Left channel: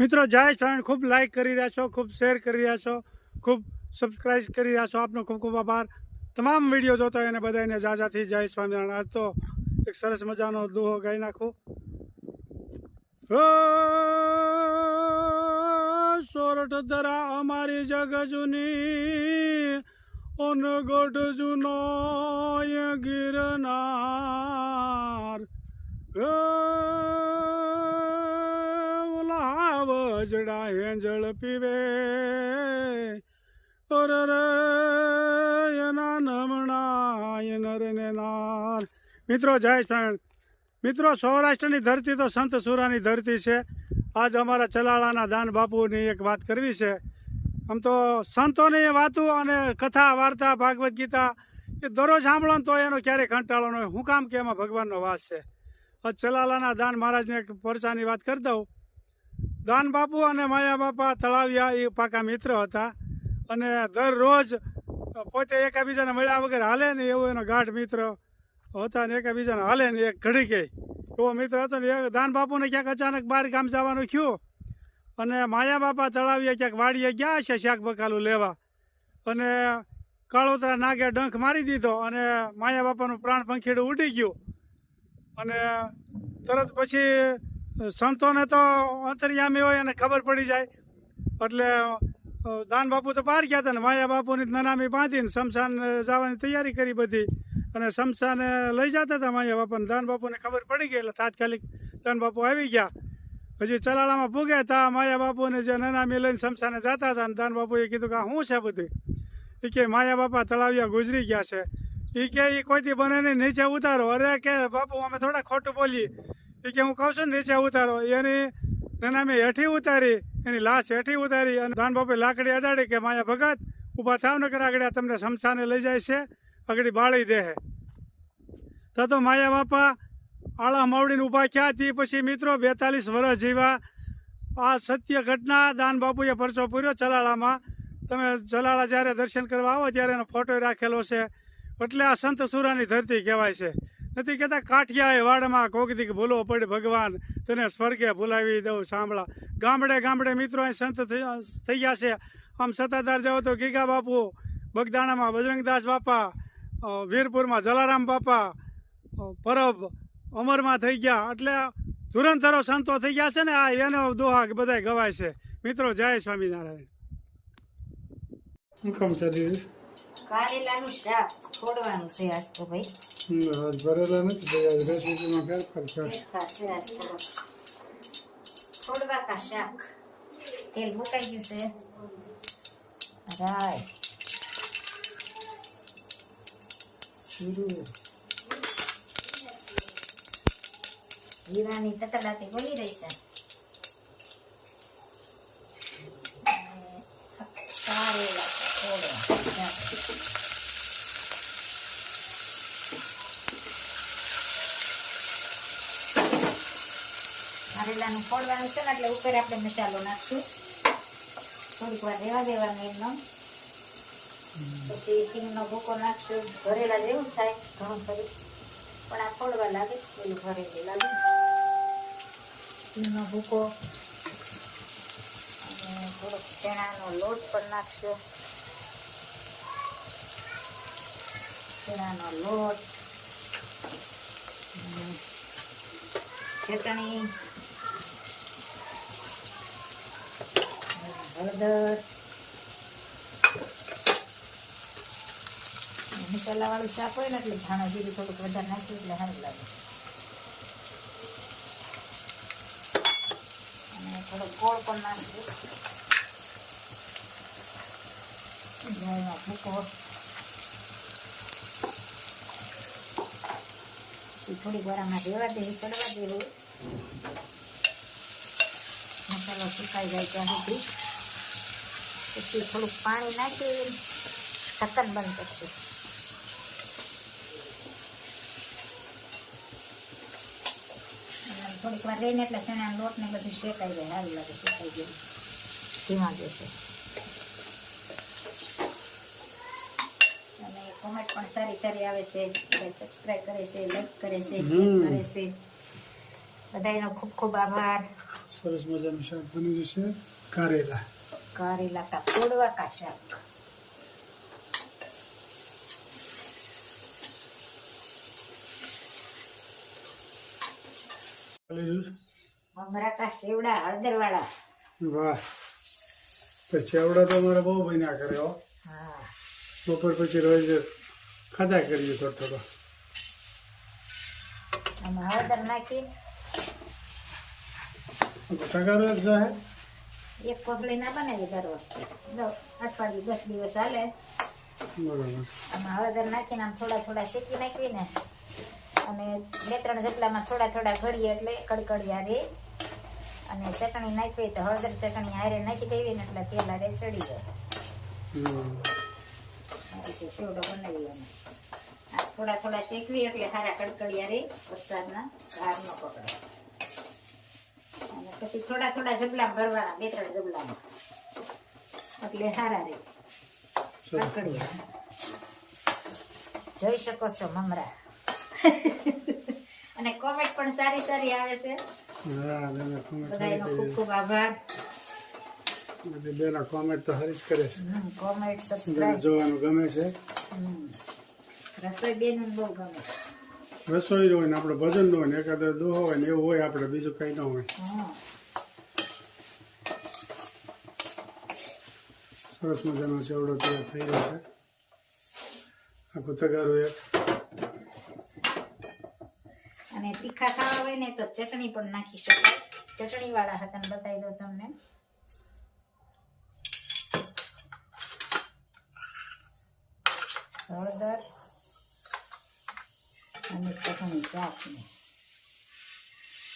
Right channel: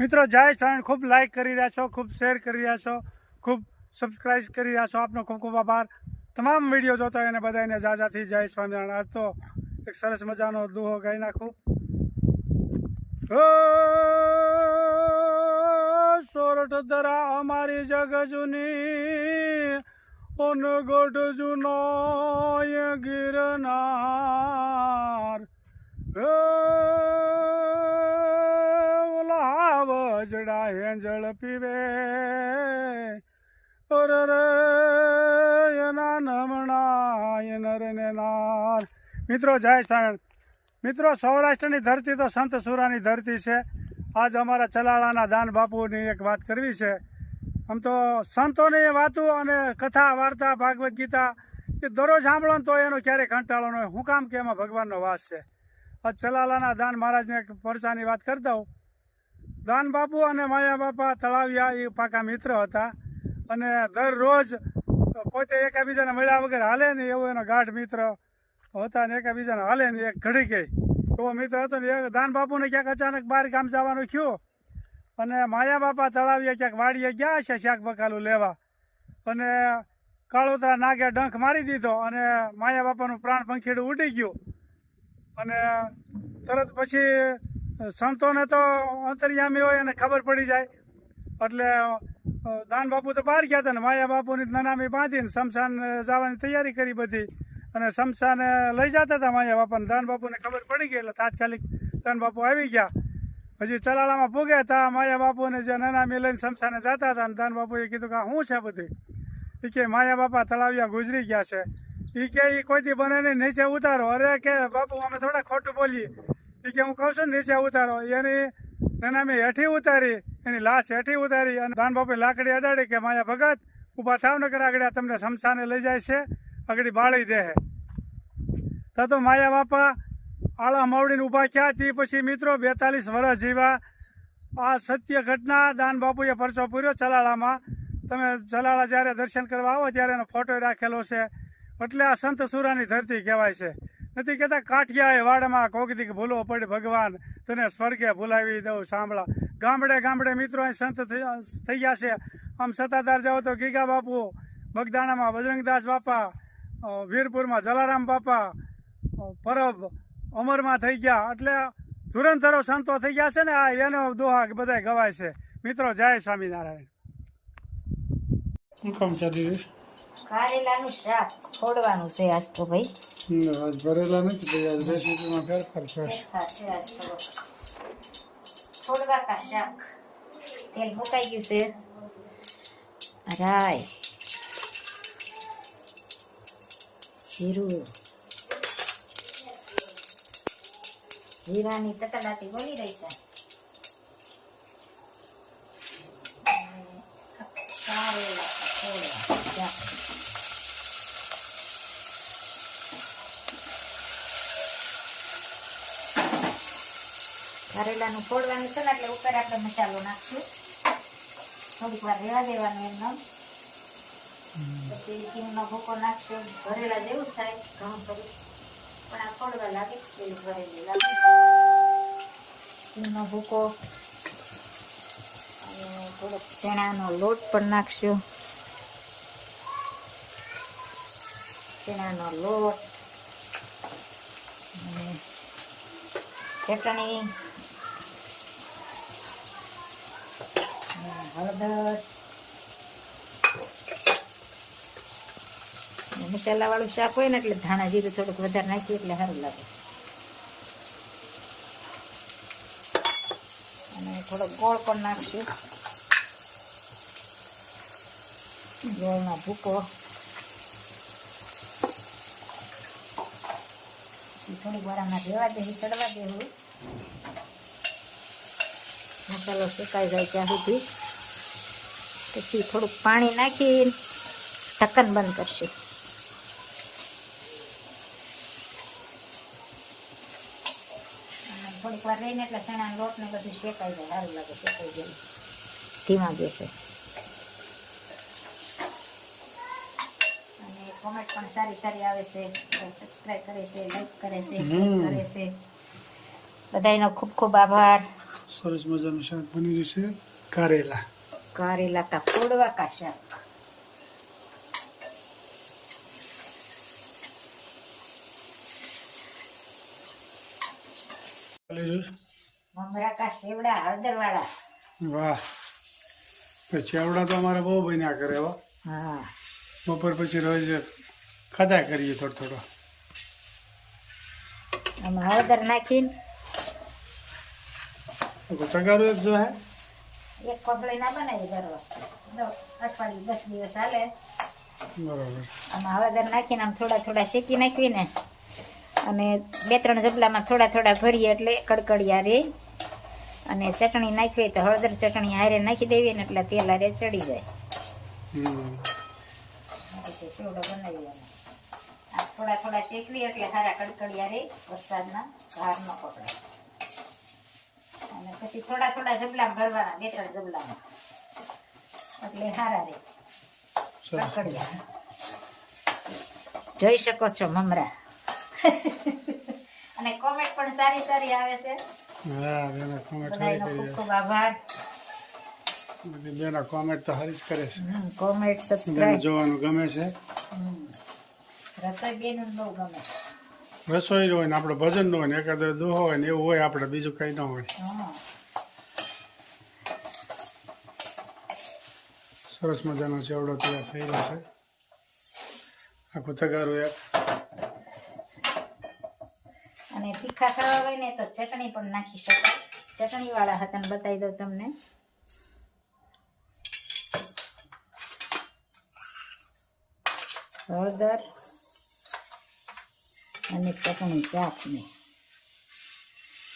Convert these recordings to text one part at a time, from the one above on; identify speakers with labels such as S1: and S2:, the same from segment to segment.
S1: મિત્રો, જય સ્વામી ખૂબ લાઈક કરી રહ્યા છો, ખૂબ શેર કરી રહ્યા છો, ખૂબ સબસ્ક્રાઈબ કરી રહ્યા છો. આપનો ખૂબ ખૂબ આભાર. તમામ વીડિયો જોતો એને બધાને જાજાથી જય સ્વામિનારાયણ. આજ તો એક સરસ મજાનો દુહો ગાઈ નાખું. સોરઠ ધરા અમારી જગ જૂની ઓન જૂનો ગિરનાર. વજડા હેંજળ પીવે. ઓર એના નમણા નાર મિત્રો, જય સ્વામિનારાયણ મિત્રો, સૌરાષ્ટ્રની ધરતી તો સંત સુરાની ધરતી છે. આજ અમારા ચલાળાના દાન બાપુની એક વાત કરવી છે. આમ તો સંતોની વાતો અને કથા, વાર્તા, ભાગવત ગીતા એ દરરોજ સાંભળો તો એનો ક્યારેય કંટાળો ન હોય. હું કામ કે એમાં ભગવાનનો વાસ છે. આ ચલાલાના દાન મહારાજને એક પરચાની વાત કરી દઉં. દાન બાપુ અને માયા બાપા તળાવિયા, એ પાકા મિત્ર હતા. અને દરરોજ પોતે એકાબીજાને મળ્યા વગર હાલે ને એવો એનો ગાઢ મિત્ર હતા ને એકાબીજાને હાલે ને એક ઘડી ગઈ. એવો મિત્ર હતો ને એ દાન બાપુને ક્યાંક અચાનક બહાર ગામ જવાનું થયું. અને માયા બાપા તળાવીએ ક્યાંક વાડીએ ગયા છે શાક બકાલું લેવા. અને કાળોતરા નાગે ડંખ મારી દીધો અને માયા બાપાનું પ્રાણ પંખીડું ઉડી ગયું. અને તરત પછી સંતોને તો અંતર્યામી હોય એને ખબર પડી જાય. એટલે દાન બાપુ તો બહાર ગયા હતા ને, માયા બાપુની નનામી બાંધીને શમશાન જવાની તૈયારી કરી બધી. અને શમશાને લઈ જતા હતા માયા બાપાને દાન બાપુને ખબર પડી ગઈ એટલે તાત્કાલિક દાન બાપુ આવી ગયા. હજી ચલાળામાં પૂગ્યા હતા, માયા બાપુને જે નનામી લઈને શમશાને જતા હતા અને દાન બાપુએ કીધું કે શું છે બધું? એ કે માયા બાપા તળાવિયા ગુજરી ગયા છે. એ કે એ કોઈથી બને નહીં નીચે ઉતારો. અરે કે બાપુ અમે થોડા ખોટું બોલીએ. એ કે હું કહું છું ને, નીચે ઉતારો. એની નનામી હેઠી ઉતારી, એની લાશ હેઠી ઉતારી અને દાન બાપે લાકડી અડાડી કે, માયા ભગત, ઊભા થાવ નકર આગળ તમને શમશાને લઈ જાય છે, આગળ બાળી દે તો માયા બાપા આળા માવડીને ઊભા ક્યાં હતી પછી મિત્રો બેતાલીસ વર્ષ જીવા. આ સત્ય ઘટના દાન બાપુએ પરચો પૂર્યો ચલાળામાં તમે ચલાળા જ્યારે દર્શન કરવા આવો ત્યારે એનો ફોટો રાખેલો છે. એટલે આ સંત સુરાની ધરતી કહેવાય છે. નથી કહેતા કાઠિયાએ વાડમાં કોગદીક ભૂલો પડે ભગવાન, તને સ્વર્ગે ભૂલાવી દઉં, સાંભળા. ગામડે ગામડે મિત્રો અહીં સંત થઈ- ગયા છે. આમ સત્તાધાર જાઓ તો ગીગા બાપુ, બગદાણામાં બજરંગદાસ બાપા વીરપુરમાં જલારામ બાપા પરબ અમરમાં થઈ ગયા. એટલે ધુરંધરો સંતો થઈ ગયા છે ને, આ એનો દોહા બધા ગવાય છે. મિત્રો, જય સ્વામિનારાયણ. કામ ચાલી
S2: કારેલાનું શાક ફોડવાનું છે આજ તો ભાઈ.
S1: આજ ભરેલા નથી ભાઈ આજ રેસીપીમાં ફેરફાર થશે
S2: ફેરફાર છે આજ તો. ફોડવા કા શાક. તેલ મુકાઈ ગયું છે. રાય. જીરું. જીરાની તતડાતી બોલી રહી છે અને કારેલા ફોડવા શાક કારેલાનું ફોડવાનું છે ને એટલે ઉપર આપણે મસાલો નાખશું. થોડીક વાર રહેવા દેવાનું એમનો પછી સિંગનો ભૂકો નાખશું. ભરેલા જેવું થાય ઘણું ખરું પણ આ ફોડવા લાગે પેલું ભરેલું લાગે. સિંગનો ભૂકો. થોડોક ચણાનો લોટ પણ નાખશું. ચણાનો લોટ. ચટણી. હળદર. મસાલા વાળું શાક હોય ને એટલે ધાણા જીરું થોડુંક વધારે નાખ્યું એટલે સારું લાગે. અને થોડો ગોળ પણ નાખશું. ગોળમાં ભૂકો. થોડીક વાર આમાં રેવા દેવી ચડવા દેવું મસાલો શેકાઈ જાય ત્યાં સુધી. પછી થોડુંક પાણી નાખી ઢક્કન બંધ કરશું. થોડીક વાર રહીને એટલે ચણાનો લોટ ને બધું શેકાઈ જાય સારું લાગે શેકાઈ જાય. ધીમા ગેસે. અને કોમેન્ટ પણ સારી સારી આવે છે સબસ્ક્રાઇબ કરે છે લાઈક કરે છે શેર
S1: હમ.
S2: કરે છે. બધાનો ખૂબ ખૂબ આભાર.
S1: સરસ મજાનું શાક બની ગયું છે. કારેલા.
S2: કારેલા કા ફોડવા કા શાક મમરા કા સેવડા હળદર વાળા
S1: વાહ. પછી ચેવડા તો અમારે બહુ બન્યા કરે હો.
S2: હા.
S1: બપોર પછી રોજ ખાધા કરીએ થોડો થોડો.
S2: આમાં હળદર નાખીને.
S1: તગારું એક જો હે.
S2: એક કોથળી ના બનાવી દર વખતે અઠવાડિયું દસ દિવસ હાલે.
S1: બરાબર.
S2: આમાં હળદર નાખીને આમ થોડા થોડા શેકી નાખવીને અને બે ત્રણ જબલામાં થોડા થોડા ભરીએ એટલે કડકડિયા રે. અને ચટણી નાખવી તો હળદર ચટણી હારે નાખી દેવી ને એટલે તેલ હારે ચડી જાય. સેવડો બનાવી થોડા થોડા શેકવી એટલે હારા કડકડિયા રે વરસાદના ઘાર ન પકડે. અને પછી થોડા થોડા જબલા ભરવાના બે ત્રણ જબલામાં. એટલે સારા રે
S1: સરસ.
S2: જોઈ શકો છો મમરા. અને કોમેન્ટ પણ સારી સારી આવે છે.
S1: હા બેના કોમેન્ટ સારી
S2: ખૂબ ખૂબ આભાર.
S1: બધી બેના કોમેન્ટ તો સારી કરે છે.
S2: કોમેન્ટ
S1: જોવાનું ગમે છે.
S2: રસોઈ બેન બહુ ગમે.
S1: રસોઈ હોય ને આપણે ભજન હોય ને, એકાદ દુહો હોય ને, એવું હોય આપણે બીજું કંઈ ન હોય. સરસ મજાનો ચેવડો તૈયાર થઈ રહ્યો છે. આખું તગારું એક.
S2: અને તીખા ખાવા હોય ને, તો ચટણી પણ નાખી શકો ચટણી વાળા હતા બતાવી દઉં તમને. હળદર. અને ચટણી ને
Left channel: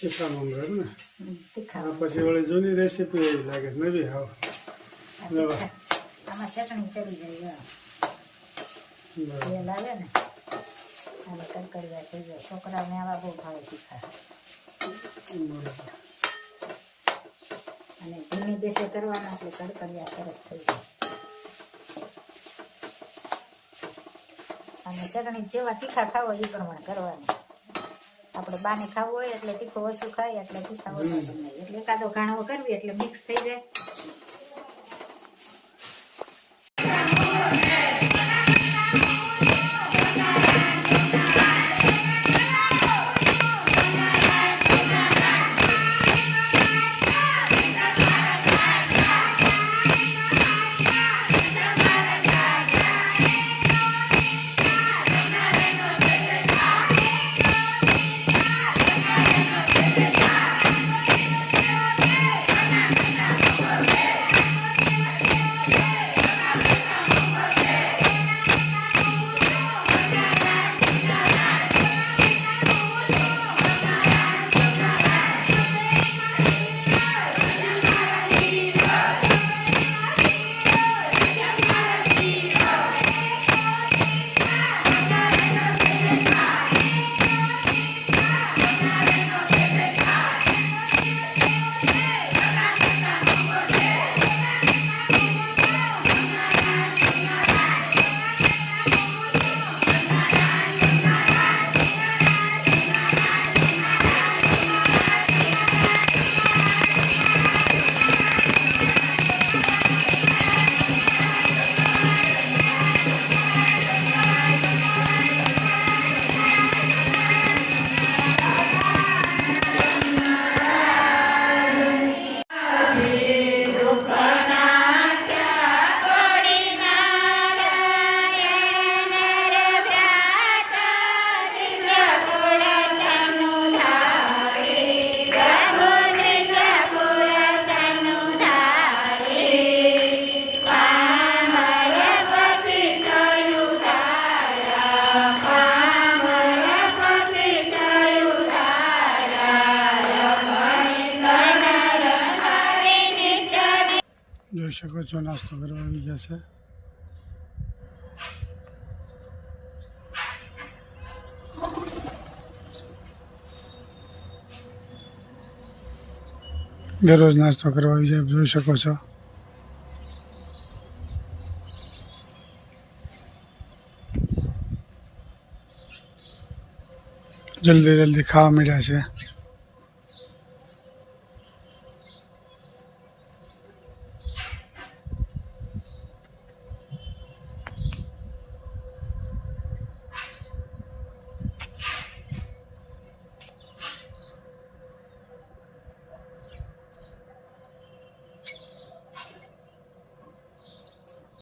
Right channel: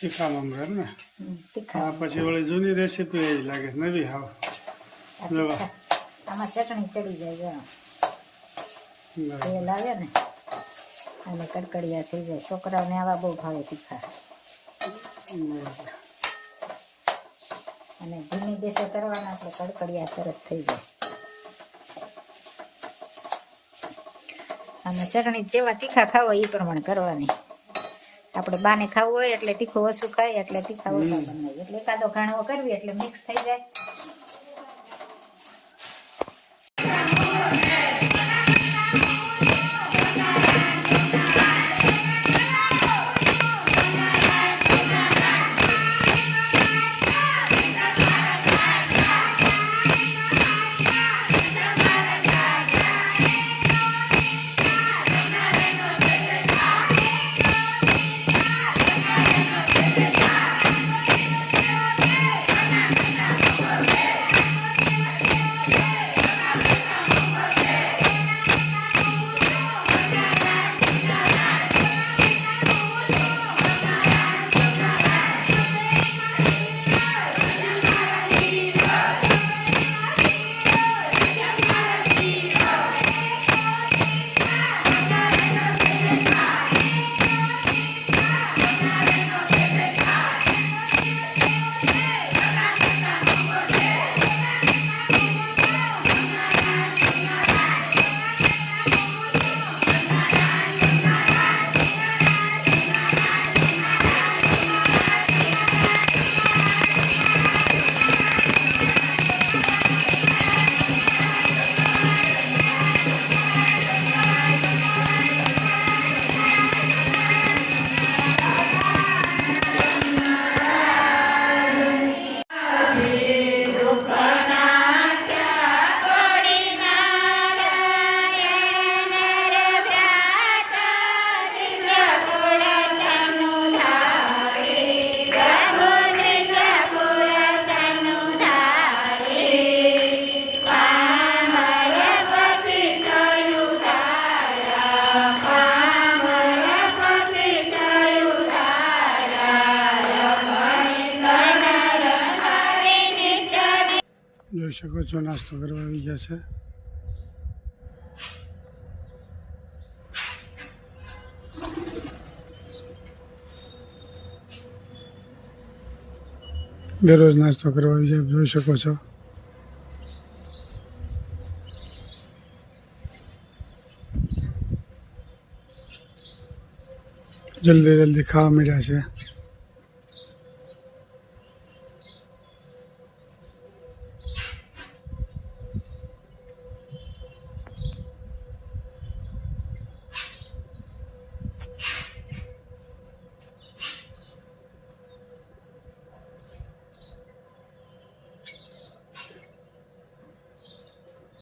S1: તીખા મમરા એમ ને?
S2: તીખા
S1: આ પછી વળી જૂની રેસીપી એ લાગે નવી હાવ.
S2: લેવા. આમાં ચટણી ચડી જાય. તેલ આવે ને અને કડકડિયા થઈ જાય. છોકરાઓને આવા બહુ ભાવે તીખા. અને ધીમી ગેસે કરવાના એટલે કડકડિયા સરસ થઈ જાય. અને ચટણી જેવા તીખા ખાવા એ પ્રમાણે કરવાની. આપણે બાને ખાવું હોય એટલે તીખું ઓછું ખાય એટલે તીખા ઓછું એટલે એકાદો ઘાણવો કરવી એટલે મિક્સ થઈ જાય.
S1: જોઈ શકો છો નાસ્તો કરવા આવી ગયા છે દરરોજ નાસ્તો કરવા આવી જાય, જોઈ શકો છો. જલ્દી જલ્દી ખાવા મળ્યા છે.